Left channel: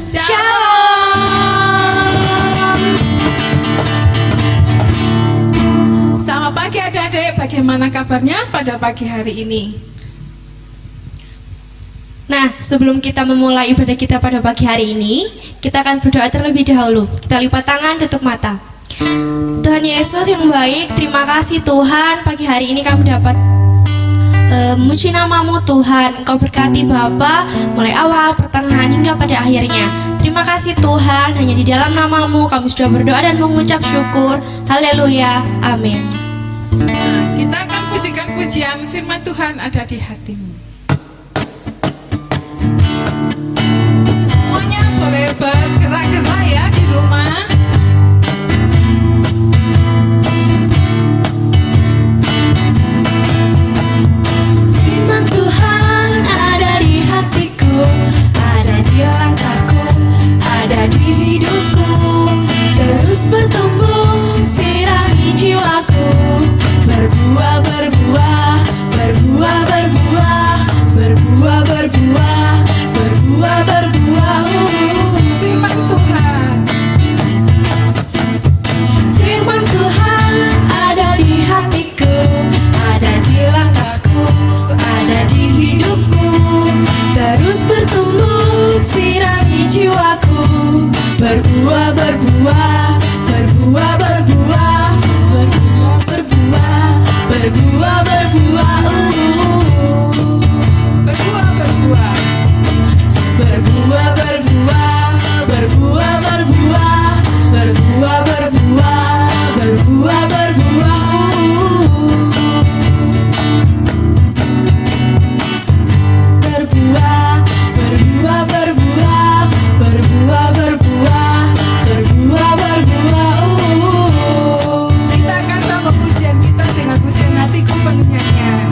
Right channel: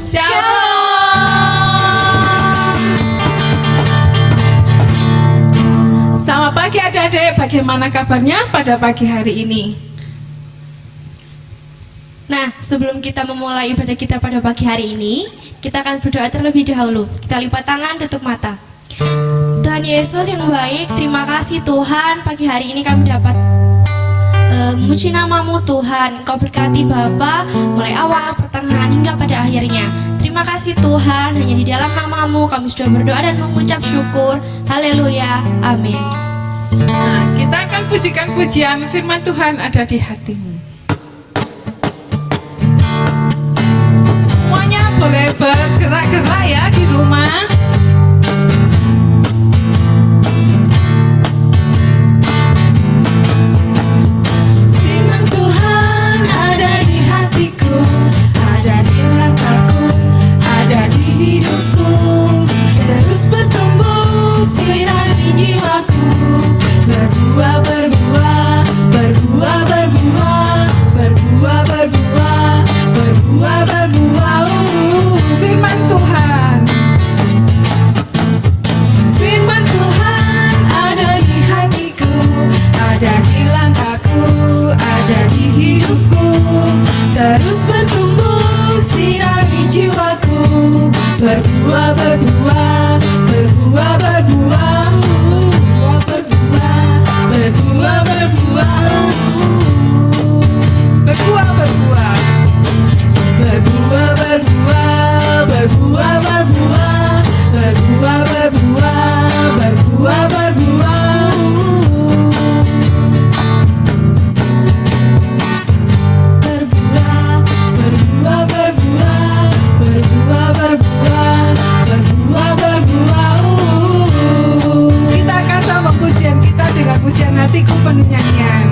Shalom. Selamat pagi adik-adik, bagaimana kabarnya pada pagi hari ini? Nah, sebelum kita memulai ibadah kita pada pagi hari ini, kita akan berdoa terlebih dahulu. Kita lipat tangan, tutup mata. Tuhan Yesus yang baik, terima kasih Tuhan, pagi hari ini kami dapat memuji nama-Mu Tuhan. Engkau berkati Bapa mulai awal, pertengahan hingga pada akhirnya. Terima kasih Tuhan, hanya di dalam nama-Mu kami sudah berdoa dan mengucap syukur. Haleluya, amin. Nah, kita akan pujikan pujian firman Tuhan ada di hatimu. Semuanya boleh bergerak-gerak ya di rumah. Firman Tuhan ada di hatiku, ada di langkahku, ada di hidupku. Terus bertumbuh, sirami jiwaku. Berbuah, berbuah, berbuah, berbuah, berbuah, berbuah, berbuah, berbuah. Firman Tuhan. Firman Tuhan ada di hatiku, ada di langkahku, ada di hidupku. Terus bertumbuh, sirami jiwaku. Berbuah, berbuah, berbuah, berbuah, berbuah, berbuah, berbuah, Berbuah, berbuah. berbuah, berbuah, berbuah, berbuah, berbuah, berbuah, berbuah, berbuah. Berbuah, berbuah, berbuah, berbuah, berbuah, berbuah, berbuah. Kita akan sambung pujian kita dengan pujian hatiku penuh nyanyian.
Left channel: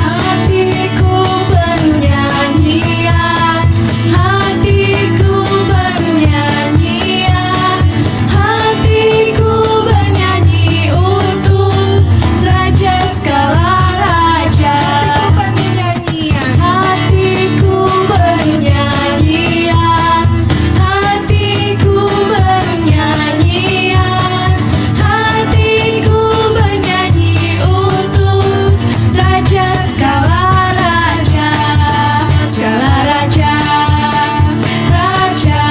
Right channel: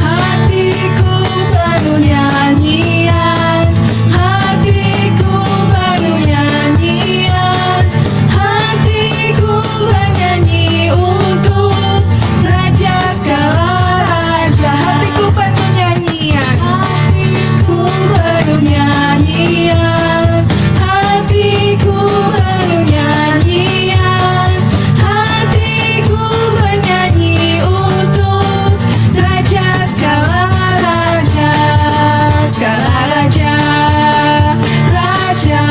Hatiku penuh nyanyian, hatiku penuh nyanyian, hatiku bernyanyi untuk Raja segala raja. Hatiku penuh nyanyian. Hatiku penuh nyanyian, hatiku penuh nyanyian, hatiku bernyanyi untuk Raja segala raja, segala raja, raja,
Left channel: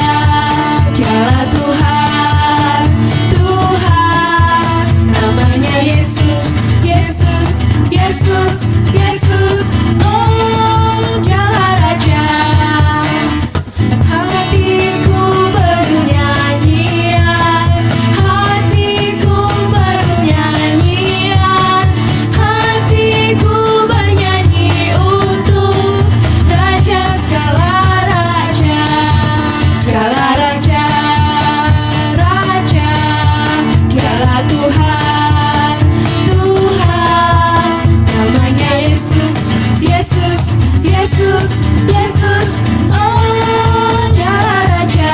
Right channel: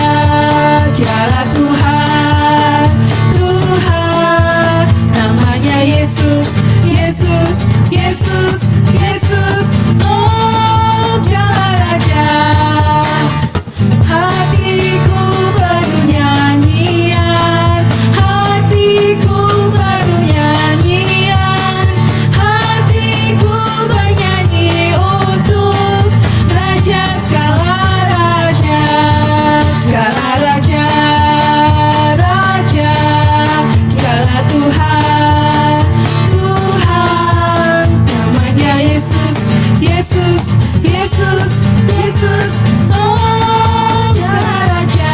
dialah Tuhan, Tuhan, namanya Yesus, Yesus, Yesus, Yesus, oh segala raja. Hatiku penuh nyanyian, hatiku penuh nyanyian, hatiku bernyanyi untuk Raja segala raja, segala raja, raja, segala Tuhan, Tuhan, namanya Yesus, Yesus, Yesus, Yesus, oh segala raja.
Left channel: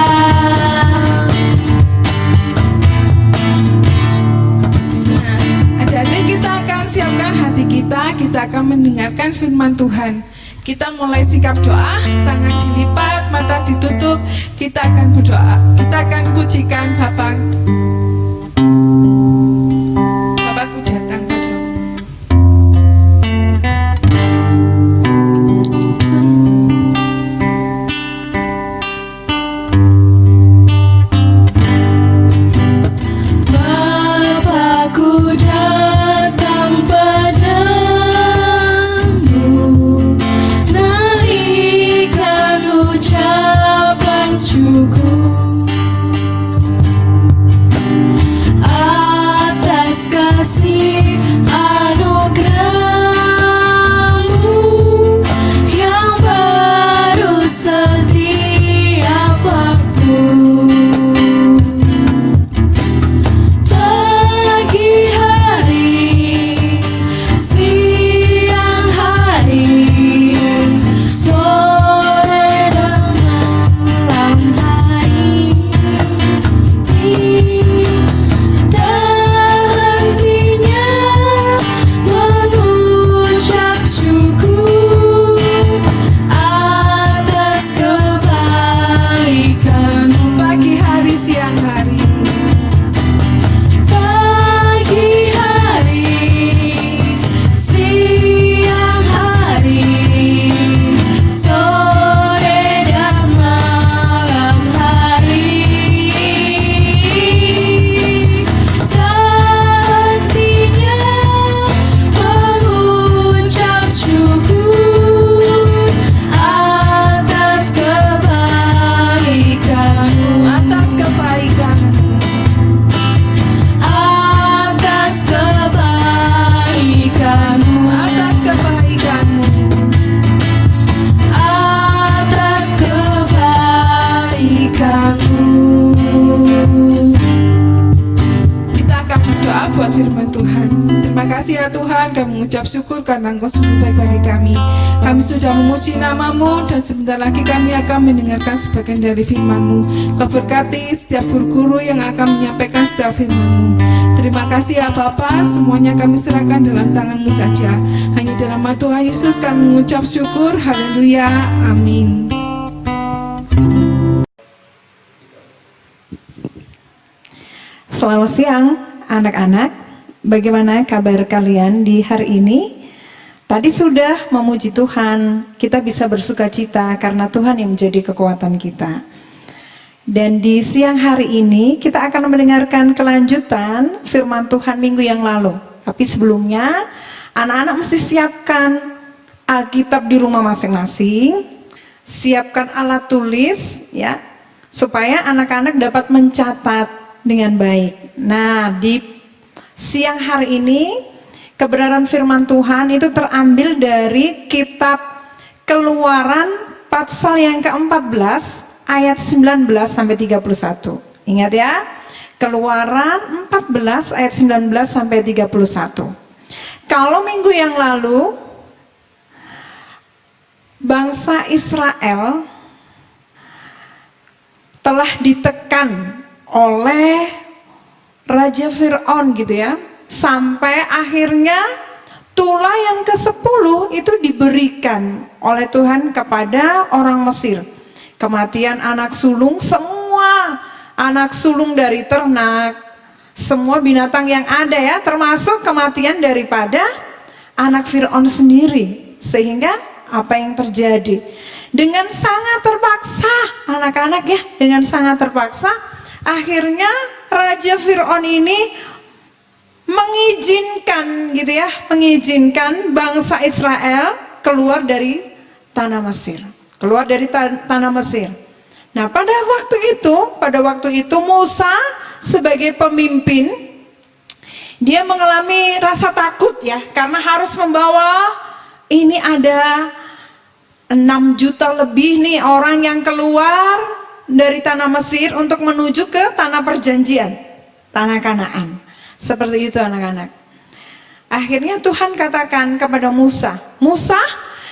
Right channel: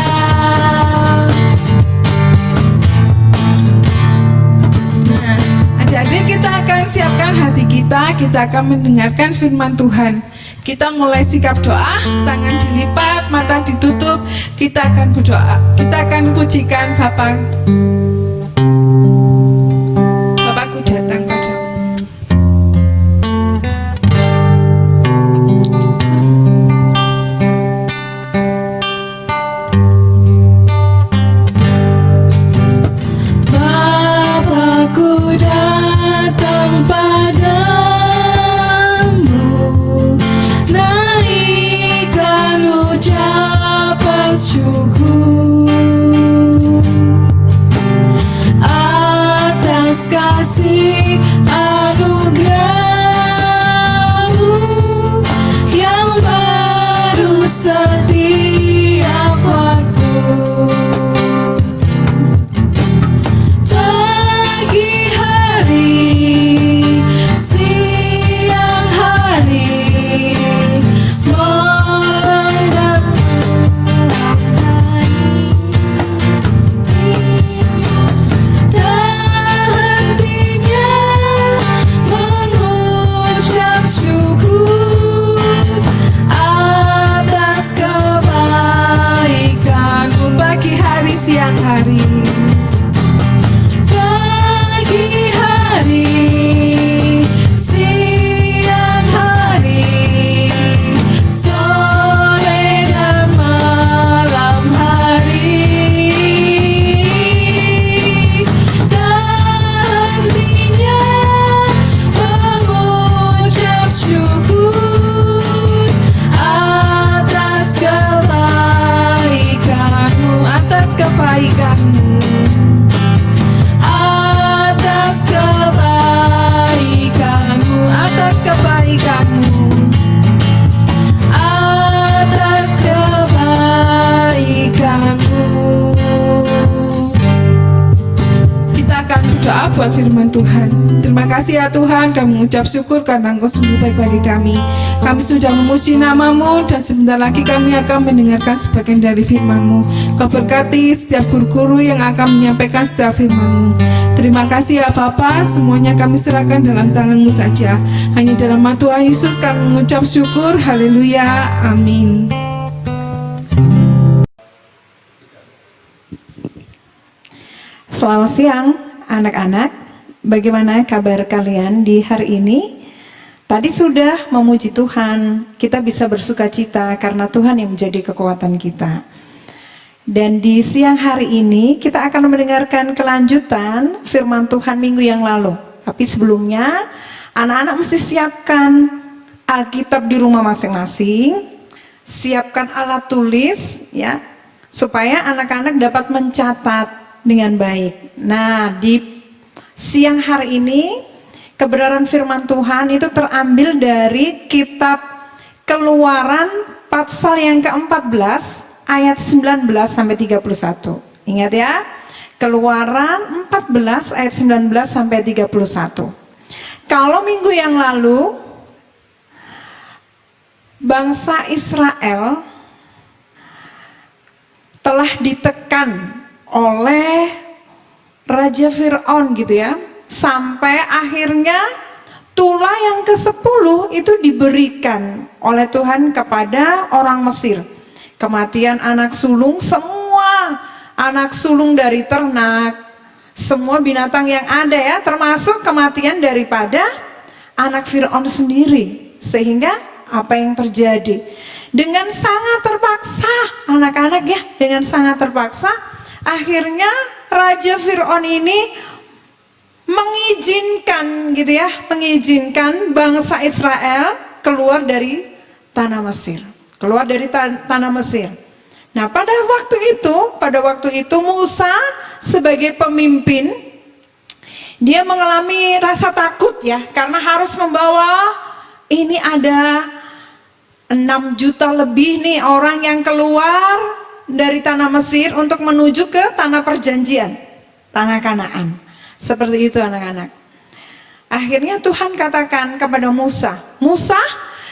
Nah, adik-adik kita akan siapkan hati kita akan mendengarkan firman Tuhan. Kita mulai sikap doa, tangan dilipat, mata ditutup. Kita akan berdoa, kita akan pujikan Bapa. Bapakku datang padamu. Bapakku datang padamu, naikkan ucapan syukur. berdoa buat firman Tuhan. Terima kasih ya Tuhan, kami mengucap syukur karena Engkau sungguh baik bagi kami. Kami sudah memuji nama-Mu dan sebentar lagi kami akan mendengarkan sebagian dari firman-Mu. Kau berkati setiap guru-guru yang akan menyampaikan setiap firman-Mu. Terima kasih ya Bapa, semuanya kami serahkan dalam tangan-Mu saja. Hanya dalam nama Tuhan Yesus kami mengucap syukur. Haleluya, amin. Selamat siang anak-anak, bagaimana kabar kalian di hari ini? Tadi sudah memuji Tuhan, kita bisa bersuka cita karena Tuhan yang menjadi kekuatan kita. Dan di siang hari ini kita akan mendengarkan kelanjutan firman Tuhan minggu yang lalu. Tapi sebelumnya anak-anak mesti siapkan Alkitab di rumah masing-masing, siapkan alat tulis ya, supaya anak-anak dapat mencatat dengan baik. Nah, di siang hari ini kebenaran firman Tuhan itu terambil dari kitab Keluaran pasal yang ke-14 ayat 19 sampai 31. Ingat ya, Keluaran 14 ayat 19 sampai 31. Kalau minggu yang lalu bangsa Israel telah ditekan oleh Raja Fir'aun gitu ya, sampai akhirnya tulah yang ke-10 itu diberikan oleh Tuhan kepada orang Mesir. Kematian anak sulung, semua anak sulung dari ternak, semua binatang yang ada ya, termasuk kematian daripada anak Fir'aun sendiri. Sehingga apa yang terjadi? Dengan sangat terpaksa anak-anak ya, dengan sangat terpaksa akhirnya Raja Fir'aun ini mengizinkan gitu ya, mengizinkan bangsa Israel keluar dari tanah Mesir. Keluar dari tanah Mesir. Nah, pada waktu itu Musa sebagai pemimpin dia mengalami rasa takut ya, karena harus membawa, ini ada 6 juta lebih nih orang yang keluar dari tanah Mesir untuk menuju ke tanah perjanjian, tanah Kanaan. Seperti itu anak-anak. Akhirnya Tuhan katakan kepada Musa, Musa,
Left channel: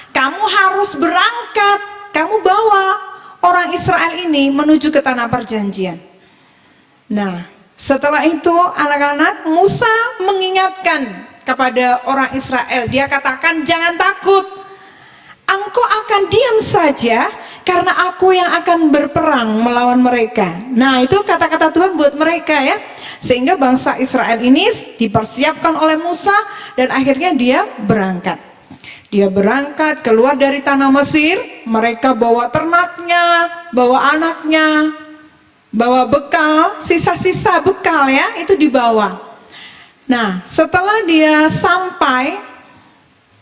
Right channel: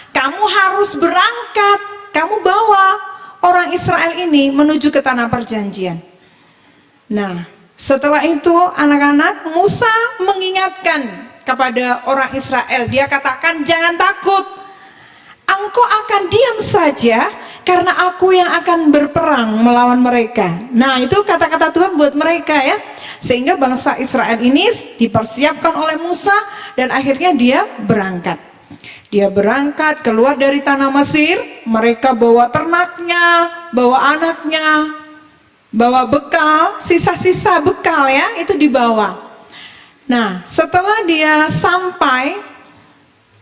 kamu harus berangkat, kamu bawa orang Israel ini menuju ke tanah perjanjian. Nah, setelah itu anak-anak, Musa mengingatkan kepada orang Israel, dia katakan jangan takut, engkau akan diam saja karena aku yang akan berperang melawan mereka. Nah, itu kata-kata Tuhan buat mereka ya. Sehingga bangsa Israel ini dipersiapkan oleh Musa dan akhirnya dia berangkat. Dia berangkat keluar dari tanah Mesir, mereka bawa ternaknya, bawa anaknya, bawa bekal, sisa-sisa bekal ya, itu dibawa. Nah, setelah dia sampai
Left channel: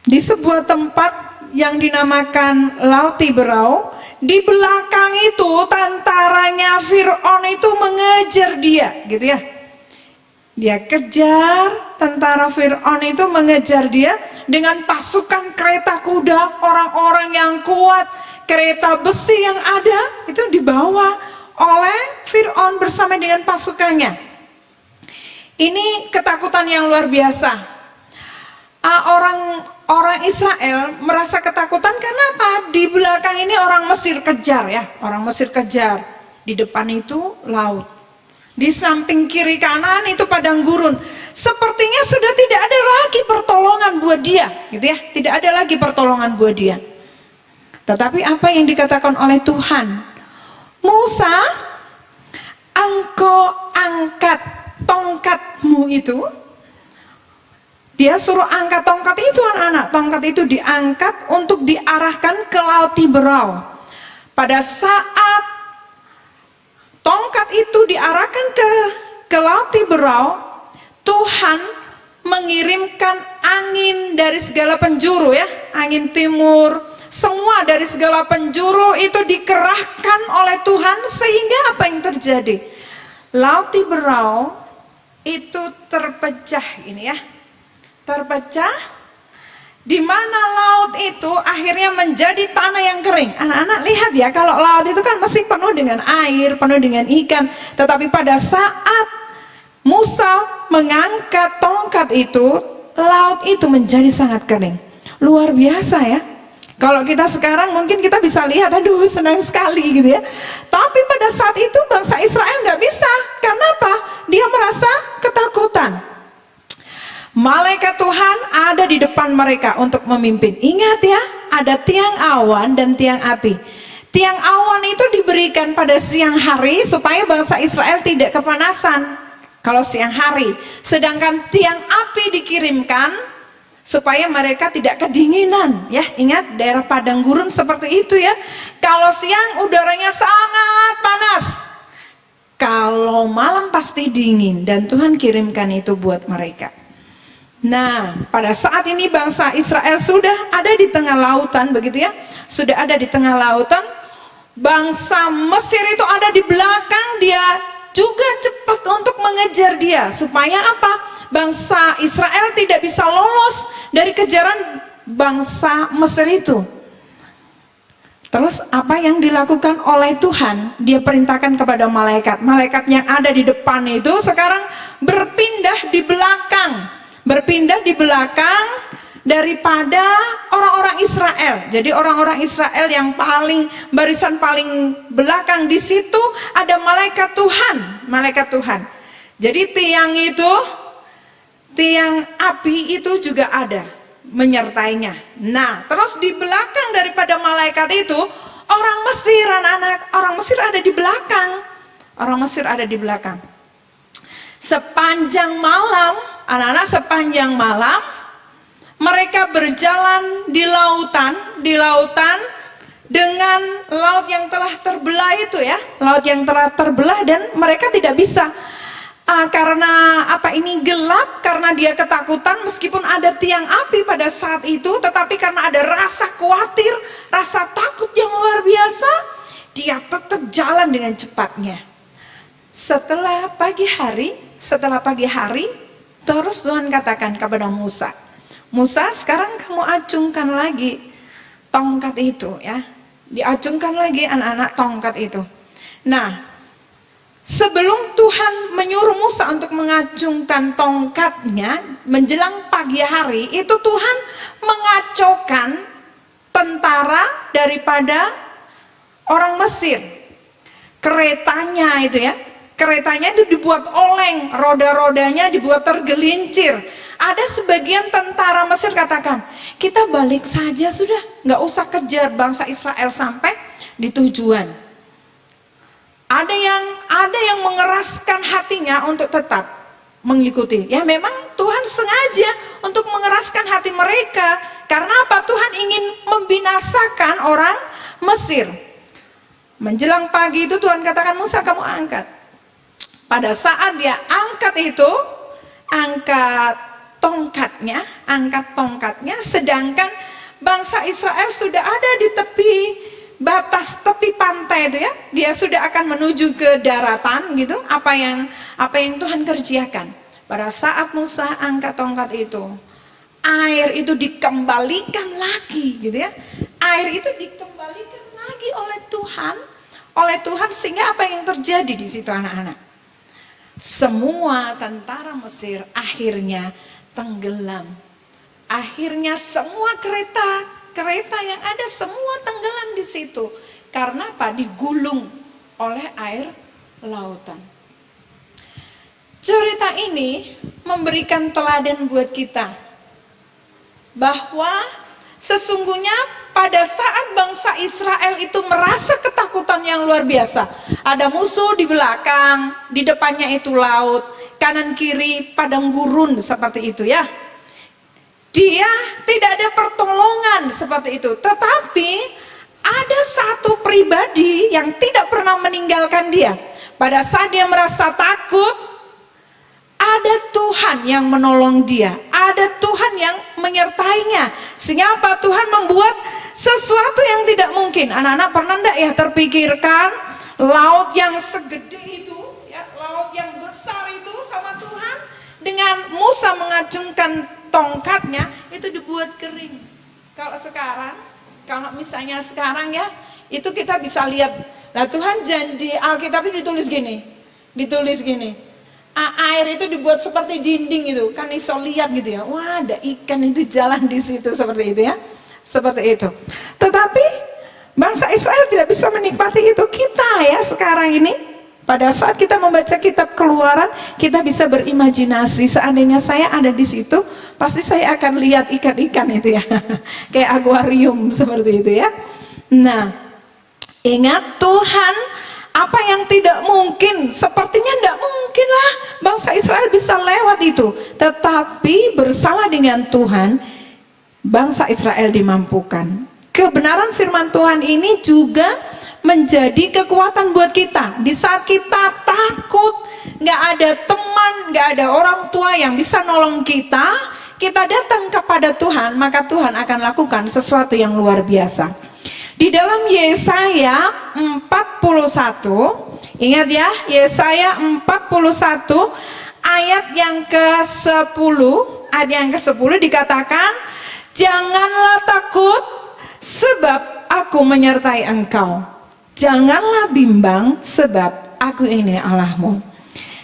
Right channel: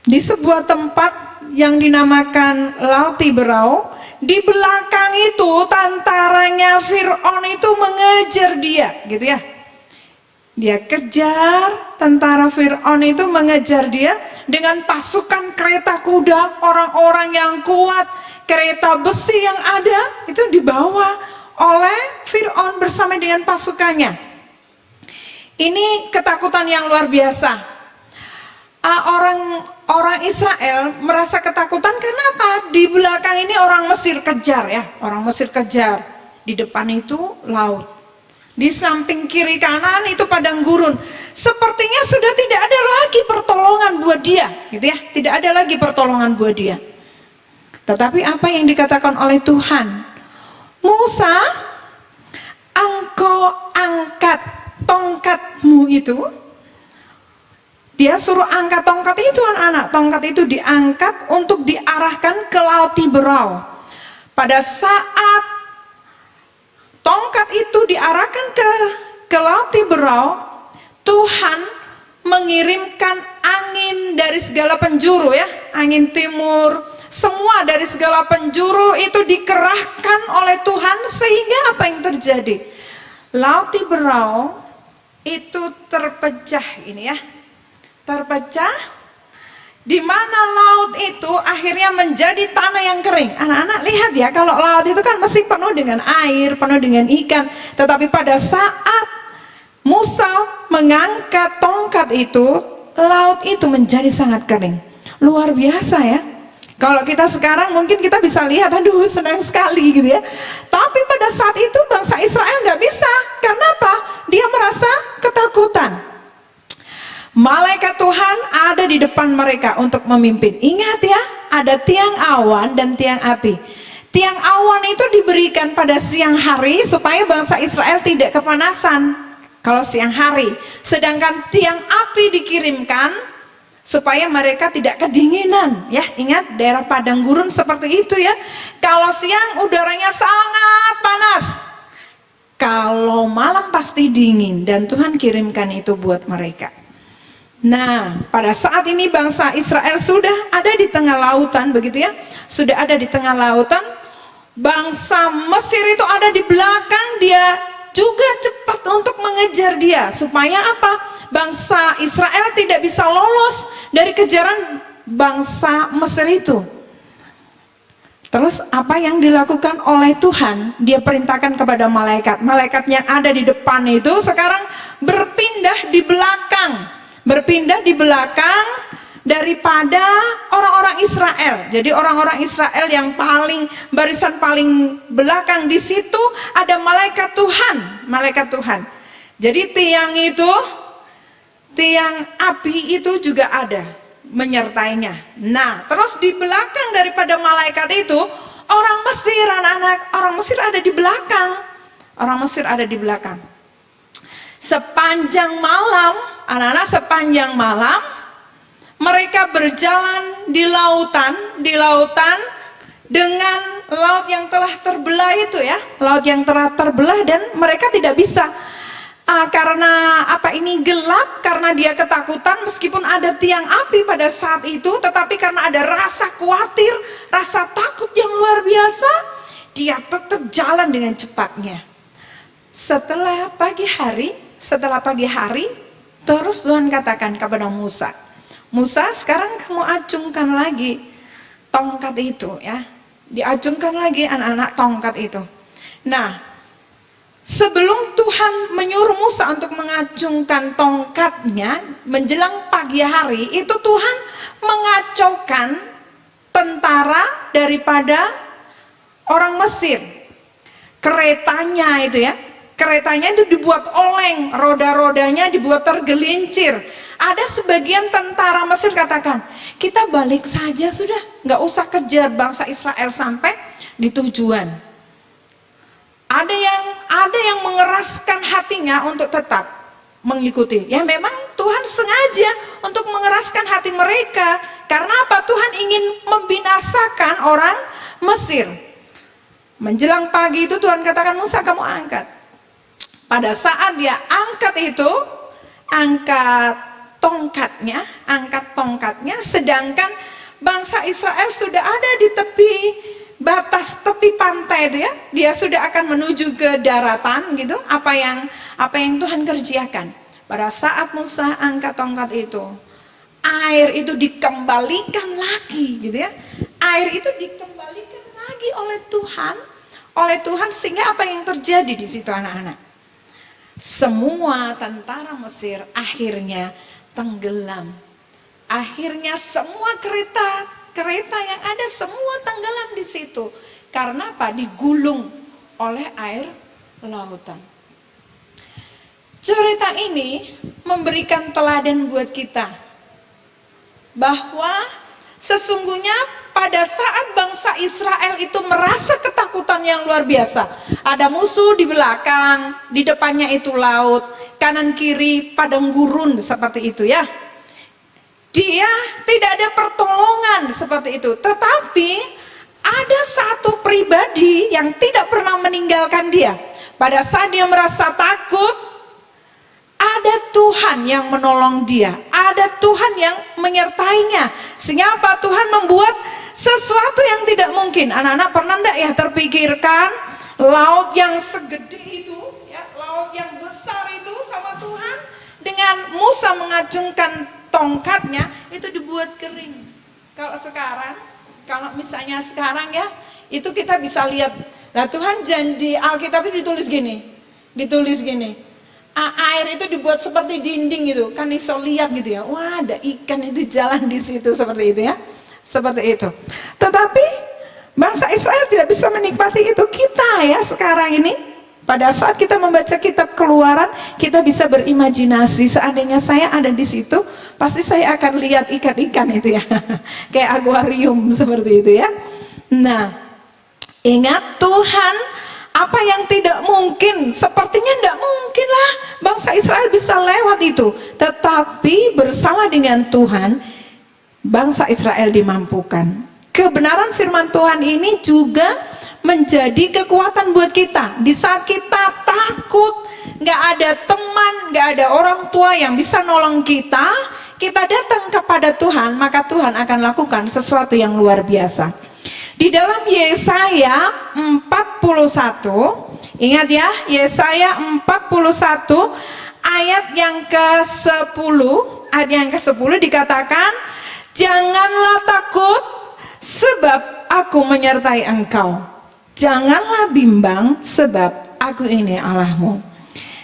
di sebuah tempat yang dinamakan Laut Tiberau, di belakang itu tentaranya Fir'aun itu mengejar dia, gitu ya. Dia kejar, tentara Fir'aun itu mengejar dia dengan pasukan kereta kuda, orang-orang yang kuat, kereta besi yang ada itu dibawa oleh Fir'aun bersama dengan pasukannya. Ini ketakutan yang luar biasa. Orang Israel merasa ketakutan karena apa? Di belakang ini orang Mesir kejar ya, orang Mesir kejar. Di depan itu laut. Di samping kiri kanan itu padang gurun. Sepertinya sudah tidak ada lagi pertolongan buat dia, gitu ya. Tidak ada lagi pertolongan buat dia. Tetapi apa yang dikatakan oleh Tuhan? Musa, engkau angkat tongkatmu itu. Dia suruh angkat tongkat itu anak-anak. Tongkat itu diangkat untuk diarahkan ke Laut Tiberau. Pada saat tongkat itu diarahkan ke Laut Tiberau, Tuhan mengirimkan angin dari segala penjuru ya. Angin timur, semua dari segala penjuru itu dikerahkan oleh Tuhan. Sehingga apa yang terjadi? Laut Tiberau itu terpecah ini ya. Terpecah, di mana laut itu akhirnya menjadi tanah yang kering. Anak-anak lihat ya, kalau laut itu kan mesti penuh dengan air, penuh dengan ikan. Tetapi pada saat Musa mengangkat tongkat itu, laut itu menjadi sangat kering. Luar biasa ya. Kalau kita sekarang mungkin kita bisa lihat, aduh senang sekali gitu ya. Tapi pada saat itu bangsa Israel nggak bisa. Karena apa? Dia merasa ketakutan. Malaikat Tuhan ada di depan mereka untuk memimpin. Ingat ya, ada tiang awan dan tiang api. Tiang awan itu diberikan pada siang hari supaya bangsa Israel tidak kepanasan kalau siang hari. Sedangkan tiang api dikirimkan supaya mereka tidak kedinginan. Ya, ingat daerah padang gurun seperti itu ya. Kalau siang udaranya sangat panas. Kalau malam pasti dingin, dan Tuhan kirimkan itu buat mereka. Nah, pada saat ini bangsa Israel sudah ada di tengah lautan, begitu ya. Sudah ada di tengah lautan. Bangsa Mesir itu ada di belakang, dia juga cepat untuk mengejar dia. Supaya apa? Bangsa Israel tidak bisa lolos dari kejaran bangsa Mesir itu. Terus apa yang dilakukan oleh Tuhan? Dia perintahkan kepada malaikat. Malaikat yang ada di depan itu sekarang berpindah di belakang. Berpindah di belakang daripada orang-orang Israel. Jadi orang-orang Israel yang barisan paling belakang, di situ ada malaikat Tuhan, malaikat Tuhan. Jadi tiang api itu juga ada menyertainya. Nah, terus di belakang daripada malaikat itu orang Mesir, anak-anak orang Mesir ada di belakang. Orang Mesir ada di belakang. Sepanjang malam, anak-anak sepanjang malam mereka berjalan di lautan dengan laut yang telah terbelah itu ya, laut yang telah terbelah, dan mereka tidak bisa karena ini gelap, karena dia ketakutan meskipun ada tiang api pada saat itu, tetapi karena ada rasa khawatir, rasa takut yang luar biasa, dia tetap jalan dengan cepatnya. Setelah pagi hari, terus Tuhan katakan kepada Musa, Musa, sekarang kamu acungkan lagi tongkat itu ya. Diacungkan lagi anak-anak tongkat itu. Nah, sebelum Tuhan menyuruh Musa untuk mengacungkan tongkatnya menjelang pagi hari, itu Tuhan mengacaukan tentara daripada orang Mesir. Keretanya itu ya. Keretanya itu dibuat oleng, roda-rodanya dibuat tergelincir. Ada sebagian tentara Mesir katakan, kita balik saja sudah, nggak usah kejar bangsa Israel sampai di tujuan. Ada yang mengeraskan hatinya untuk tetap mengikuti. Ya memang Tuhan sengaja untuk mengeraskan hati mereka. Karena apa? Tuhan ingin membinasakan orang Mesir. Menjelang pagi itu Tuhan katakan, Musa kamu angkat. Pada saat dia angkat itu, angkat tongkatnya, sedangkan bangsa Israel sudah ada di tepi pantai itu ya, dia sudah akan menuju ke daratan gitu. Apa yang Tuhan kerjakan? Pada saat Musa angkat tongkat itu, air itu dikembalikan lagi gitu ya. Air itu dikembalikan lagi oleh Tuhan sehingga apa yang terjadi di situ anak-anak? Semua tentara Mesir akhirnya tenggelam. Akhirnya semua kereta yang ada semua tenggelam di situ. Karena apa? Digulung oleh air lautan. Cerita ini memberikan teladan buat kita. Bahwa sesungguhnya pada saat bangsa Israel itu merasa ketakutan yang luar biasa. Ada musuh di belakang, di depannya itu laut, kanan kiri padang gurun seperti itu ya. Dia tidak ada pertolongan seperti itu. Tetapi ada satu pribadi yang tidak pernah meninggalkan dia. Pada saat dia merasa takut, ada Tuhan yang menolong dia. Ada Tuhan yang menyertainya. Sehingga apa? Tuhan membuat sesuatu yang tidak mungkin. Anak-anak pernah enggak ya terpikirkan laut yang segede itu, ya, laut yang besar itu sama Tuhan, dengan Musa mengacungkan tongkatnya itu dibuat kering. Kalau misalnya sekarang ya, itu kita bisa lihat. Nah Tuhan janji Alkitab ditulis gini. air itu dibuat seperti dinding gitu, kan iso lihat gitu ya. Wah, ada ikan itu jalan di situ seperti itu ya. Seperti itu. Tetapi bangsa Israel tidak bisa menikmati itu. Kita ya sekarang ini, pada saat kita membaca kitab Keluaran, kita bisa berimajinasi, seandainya saya ada di situ, pasti saya akan lihat ikan-ikan itu ya. Kayak akuarium seperti itu ya. Nah, ingat Tuhan, apa yang tidak mungkin, sepertinya tidak mungkin lah bangsa Israel bisa lewat itu. Tetapi bersama dengan Tuhan, bangsa Israel dimampukan. Kebenaran firman Tuhan ini juga menjadi kekuatan buat kita. Di saat kita takut, nggak ada teman, nggak ada orang tua yang bisa nolong kita, kita datang kepada Tuhan, maka Tuhan akan lakukan sesuatu yang luar biasa. Di dalam Yesaya 41, ingat ya, Yesaya 41 ayat yang ke-10, ayat yang ke-10 dikatakan, janganlah takut sebab aku menyertai engkau. Janganlah bimbang sebab aku ini Allahmu.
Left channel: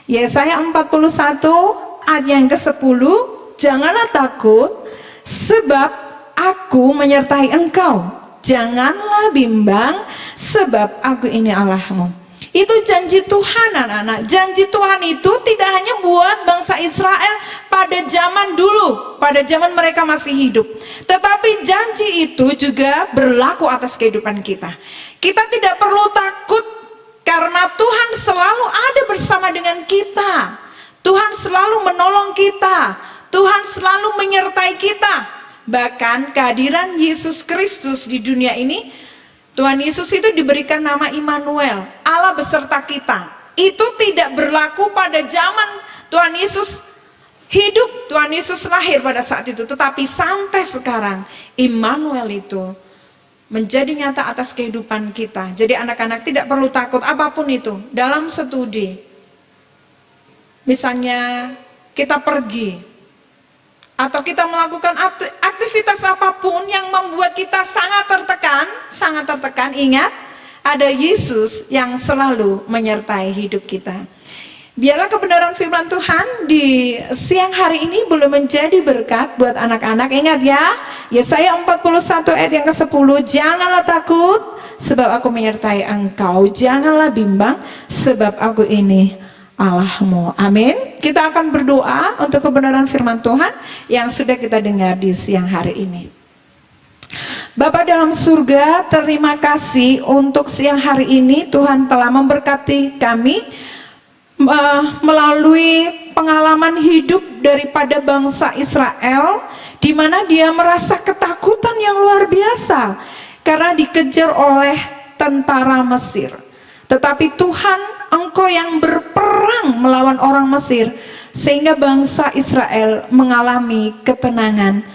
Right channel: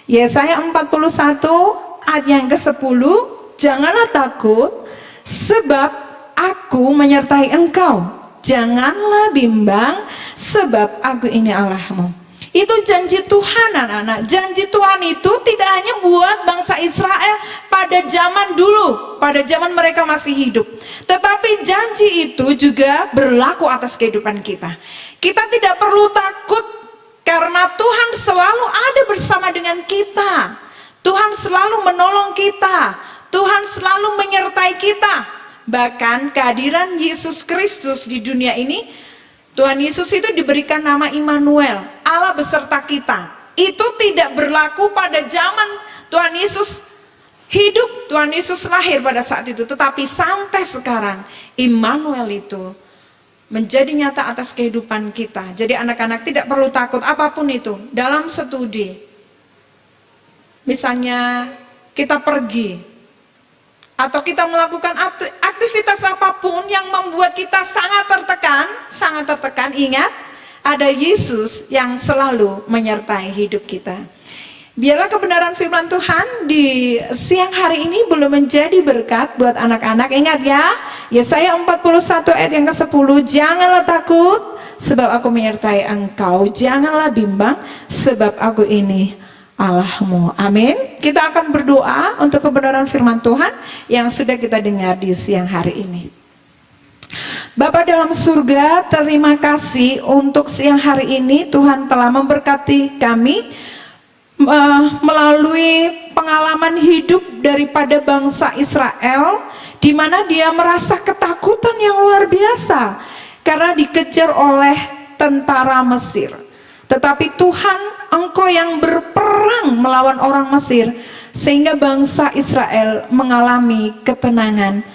Yesaya 41 ayat yang ke-10, janganlah takut sebab aku menyertai engkau. Janganlah bimbang sebab aku ini Allahmu. Itu janji Tuhan anak-anak. Janji Tuhan itu tidak hanya buat bangsa Israel pada zaman dulu, pada zaman mereka masih hidup. Tetapi janji itu juga berlaku atas kehidupan kita. Kita tidak perlu takut karena Tuhan selalu ada bersama dengan kita. Tuhan selalu menolong kita. Tuhan selalu menyertai kita. Bahkan kehadiran Yesus Kristus di dunia ini, Tuhan Yesus itu diberikan nama Immanuel, Allah beserta kita. Itu tidak berlaku pada zaman Tuhan Yesus hidup, Tuhan Yesus lahir pada saat itu. Tetapi sampai sekarang Immanuel itu menjadi nyata atas kehidupan kita. Jadi anak-anak tidak perlu takut apapun itu. Dalam studi, misalnya kita pergi atau kita melakukan aktivitas apapun yang membuat kita sangat tertekan, ingat ada Yesus yang selalu menyertai hidup kita. Biarlah kebenaran firman Tuhan di siang hari ini boleh menjadi berkat buat anak-anak. Ingat ya, Yesaya 41 ayat yang ke-10, janganlah takut sebab aku menyertai engkau. Janganlah bimbang sebab aku ini Allahmu. Amin. Kita akan berdoa untuk kebenaran firman Tuhan yang sudah kita dengar di siang hari ini. Bapa dalam surga, terima kasih untuk siang hari ini Tuhan telah memberkati kami melalui pengalaman hidup daripada bangsa Israel, di mana dia merasa ketakutan yang luar biasa karena dikejar oleh tentara Mesir. Tetapi Tuhan, Engkau yang berperang melawan orang Mesir, sehingga bangsa Israel mengalami ketenangan,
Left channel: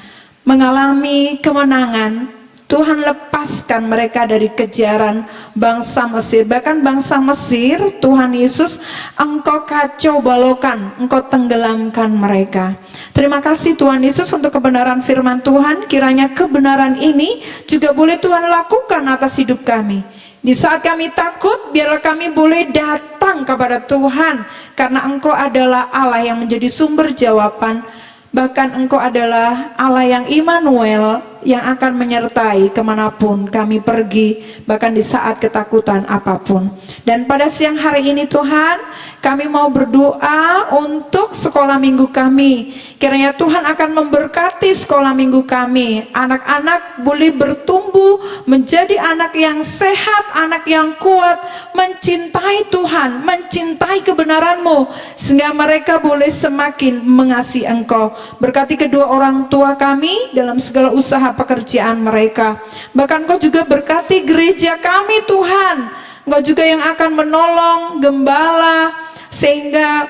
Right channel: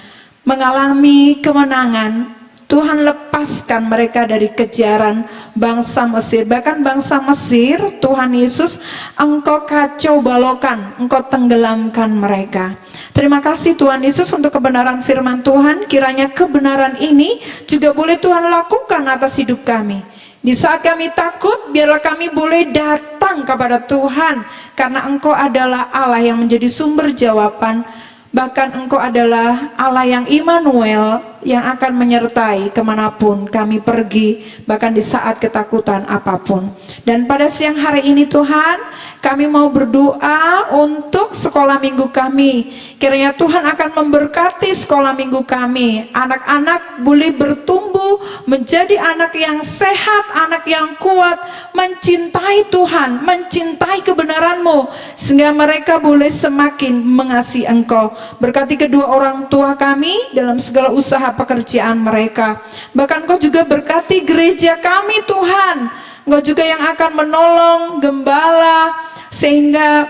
mengalami kemenangan. Tuhan lepaskan mereka dari kejaran bangsa Mesir. Bahkan bangsa Mesir, Tuhan Yesus, Engkau kacau balokan, Engkau tenggelamkan mereka. Terima kasih Tuhan Yesus untuk kebenaran firman Tuhan. Kiranya kebenaran ini juga boleh Tuhan lakukan atas hidup kami. Di saat kami takut, biarlah kami boleh datang kepada Tuhan, karena Engkau adalah Allah yang menjadi sumber jawaban. Bahkan Engkau adalah Allah yang Immanuel, yang akan menyertai kemanapun kami pergi, bahkan di saat ketakutan apapun. Dan pada siang hari ini Tuhan, kami mau berdoa untuk sekolah minggu kami. Kiranya Tuhan akan memberkati sekolah minggu kami. Anak-anak boleh bertumbuh menjadi anak yang sehat, anak yang kuat, mencintai Tuhan, mencintai kebenaran-Mu, sehingga mereka boleh semakin mengasihi Engkau. Berkati kedua orang tua kami dalam segala usaha pekerjaan mereka. Bahkan Engkau juga berkati gereja kami Tuhan. Engkau juga yang akan menolong gembala, sehingga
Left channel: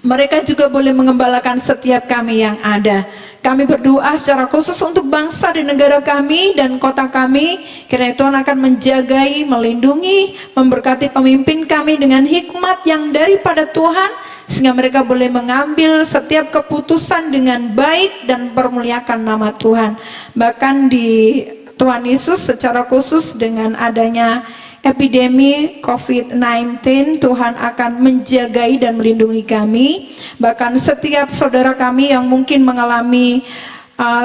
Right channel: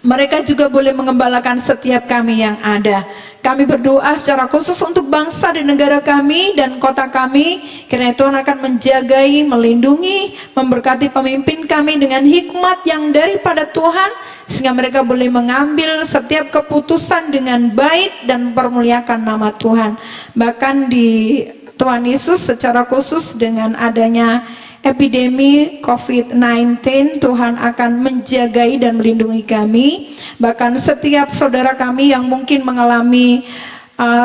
mereka juga boleh mengembalakan setiap kami yang ada. Kami berdoa secara khusus untuk bangsa dan negara kami dan kota kami. Kiranya Tuhan akan menjagai, melindungi, memberkati pemimpin kami dengan hikmat yang daripada Tuhan, sehingga mereka boleh mengambil setiap keputusan dengan baik dan permuliakan nama Tuhan. Bahkan di Tuhan Yesus secara khusus dengan adanya epidemi COVID-19, Tuhan akan menjagai dan melindungi kami. Bahkan setiap saudara kami yang mungkin mengalami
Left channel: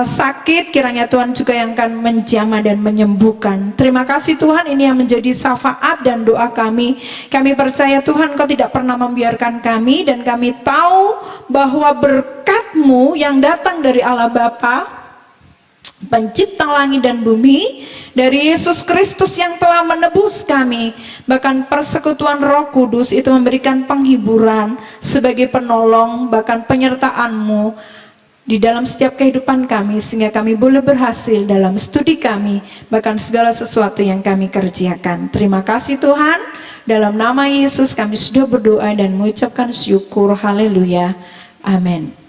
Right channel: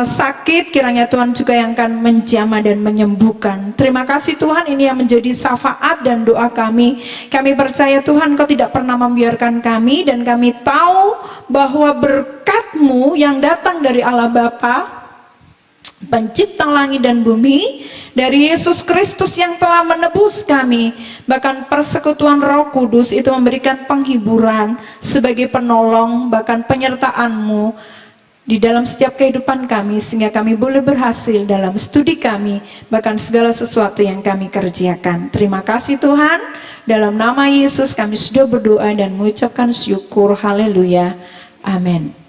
sakit, kiranya Tuhan juga yang akan menjamah dan menyembuhkan. Terima kasih Tuhan, ini yang menjadi syafaat dan doa kami. Kami percaya Tuhan, Engkau tidak pernah membiarkan kami, dan kami tahu bahwa berkat-Mu yang datang dari Allah Bapa, Pencipta langit dan bumi, dari Yesus Kristus yang telah menebus kami, bahkan persekutuan Roh Kudus itu memberikan penghiburan sebagai penolong, bahkan penyertaan-Mu di dalam setiap kehidupan kami, sehingga kami boleh berhasil dalam studi kami, bahkan segala sesuatu yang kami kerjakan. Terima kasih Tuhan, dalam nama Yesus kami sudah berdoa dan mengucapkan syukur. Haleluya, amin.